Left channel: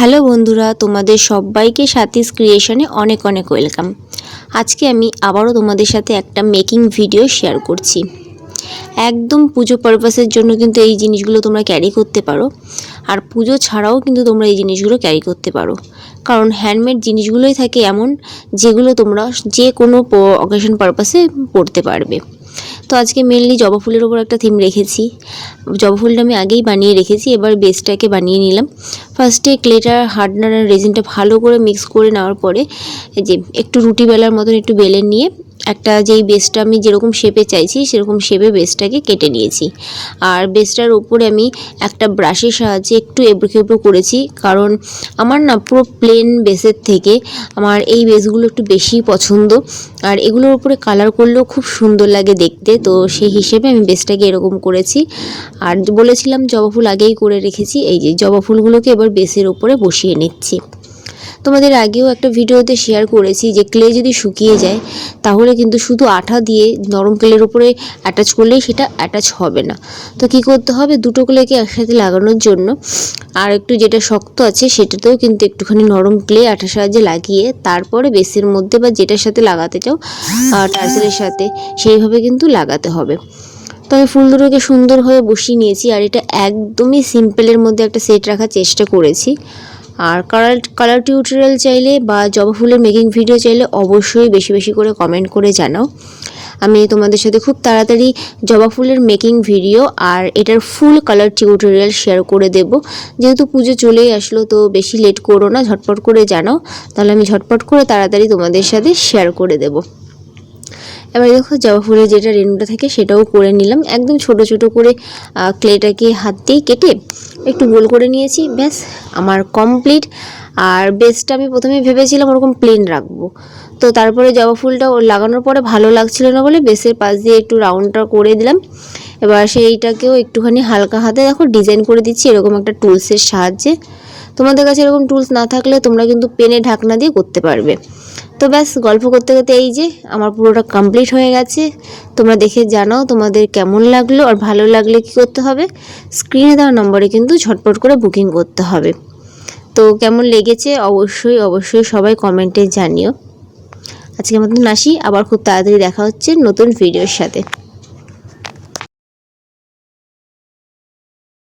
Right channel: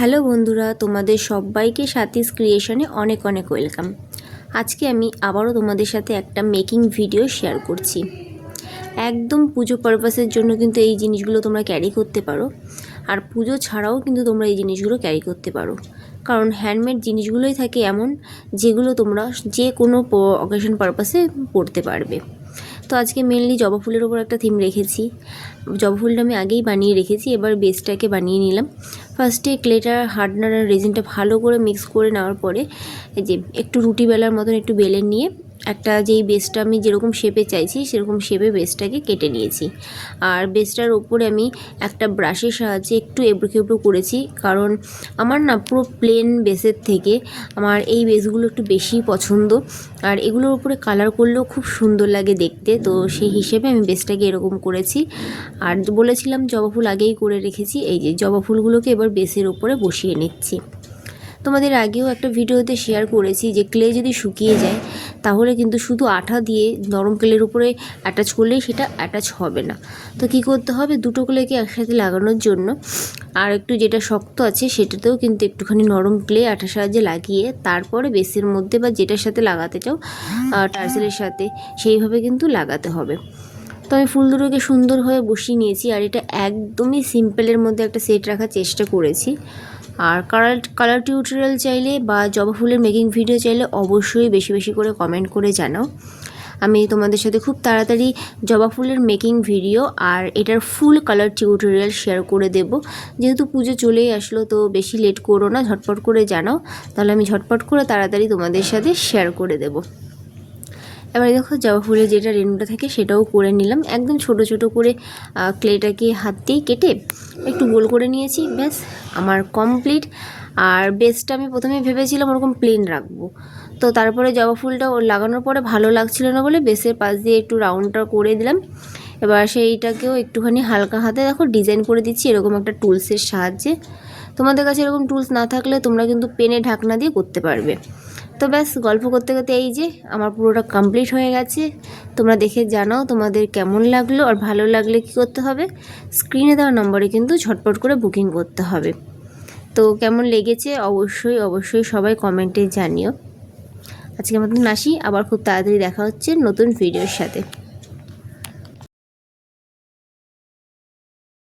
Hello বন্ধুরা, তোমাদের সবাইকে সাথীস ক্রিয়েশনে অনেক অনেক ওয়েলকাম আজকে আমি আবারও তোমাদের সাথে একটা মেকিং ভিডিও শেয়ার করছি। একদম পুজো পারপাসের জন্য কিন্তু এই জিনিসগুলো তোমরা ক্যারি করতে পারো, আর পুজো ছাড়াও কিন্তু তোমরা এই জিনিসগুলো ক্যারি করতে পারো। কারণ হ্যান্ডমেড জিনিসগুলোই থাকে এমন, যেগুলো তোমরা যে কোনো অকেশন পারপাসে পড়তে পারবে। তো আজকে মেনলি জবা ফুলের ওপর একটা থিম রেখেছি। জবা ফুলটা আমি আগেই বানিয়ে রেখেছি, এবার বেসটাকে বানিয়ে নিলাম। ফার্স্টে ক্লেটার হার্ডনার আর রেজিনটা ভালো করে মিক্স করে নেওয়ার পরে যে একটু রুটি বেলার মতন একটু বেলে নিয়ে একটা যেই বেসটা আমি যেরকম শেপে চাইছি, সেরকম শেপে বেসটাকে কেটে নিয়েছি। আর বেসটার উপরে আমি একটা ব্রাশের সাহায্যে একটু এবড়ো করেছি, কারণ আমার না পুরো প্লেন বেসের থেকে আমার এই বেসগুলো একটু বেশি পছন্দ। আর এগুলোর উপরে কালার করলেও খুব সুন্দর লাগে দেখতে, তো সেই হিসেবে আমি বেসটাকে এরকম করেছি। আর বলেছিলাম জবা ফুল আগেই করে রেখেছি, এই যে জবা ফুলগুলোকে এবার বেসের উপরে বসিয়ে নিচ্ছি। তোমাদের আগেও একটা ভিডিওতে শেয়ার করেছি যে ক্লে যদি শুকিয়ে যায়, তাহলে কিন্তু শুধু আঠা দিয়ে নরম ক্লের উপরে অ্যাটাচ করলেই সেটা অ্যাটাচ হবে না। তো কি করতে হবে? দুটো ক্লেকে একসাথে লাগানোর জন্য আর একটু যেটা শক্ত আছে সেটাতেও কিন্তু একটুখানি নরম ক্লে আঠার সাহায্যে লাগিয়ে তারপরে বেসের মধ্যে বা যেটার সাথে লাগাতে চাও টার্সেলের সাথে সেইভাবে কিন্তু লাগাতে হবে। তো আমি ফুল দুটোকে সুন্দর হয়ে বসিয়ে নিয়েছি আর এটা একদমই সিম্পলের মধ্যে একটা সেট রাখার চেষ্টা করেছি। আর কালার কালার টিউটোরিয়াল চাইলে বা জবা ফুলের মেকিং ভিডিও চাইলে অবশ্যই বেশি বেশি করে কমেন্ট করে জানাও। আমি তোমাদের সাথে খুব তাড়াতাড়ি জবা ফুলের মেকিং ভিডিও আর এটার ফুল কালার টিউটোরিয়াল শেয়ার করে দেব। যেহেতু পুজো চলেই আসলো, তো বেশি লেট করো না, ঝটপট করে জানাও। তাহলে আমি ঝটপট করে তাড়াতাড়ি তোমাদের সাথে শেয়ার করে দেবো। এবার দেখো জবা ফুলের যেটা রেণুটা থাকে সেটাও করে নিলাম। একদম ছোট ছোট করে ক্লেটাকে হাত দিয়ে কেটে একটু গোল করে নিয়েছি। ব্যাস, আমার কমপ্লিট আর বেসটা আমি প্রথমে ভেবেছিলাম ওরকম প্লেন রাখব। তো তারপরে জবা ফুলটা লাগানোর পরে ভালো লাগছিল না বলে বেসের পাশ দিয়ে একটু রাউন্ডটা করে দিলাম। এবার সেইটাকেও একটুখানি হালকা হাতে দেখো ডিজাইন করে দিচ্ছি এরকম একটা টুলসের সাহায্যে। তোমাদের কাছে এরকম টুলস না থাকলে তোমরা কিন্তু পেনে ঢাকনা দিয়ে করতে পারবে। তো ব্যাস, গল্প করতে করতে এই যে আমার পুরোটা কমপ্লিট হয়ে গেছে। তোমরা দেখে জানাও তোমাদের কেমন লাগল আর ভালো লাগলে কি করতে হবে। স্ক্রিনে দেওয়া নম্বরে কিন্তু ঝটপট করে বুকিং করতে হবে। তো কেমন লেগেছে অবশ্যই অবশ্যই সবাই কমেন্টে জানিও। আজকের মতন আসি, আবার খুব তাড়াতাড়ি দেখা হচ্ছে নতুন ভিডিওর সাথে।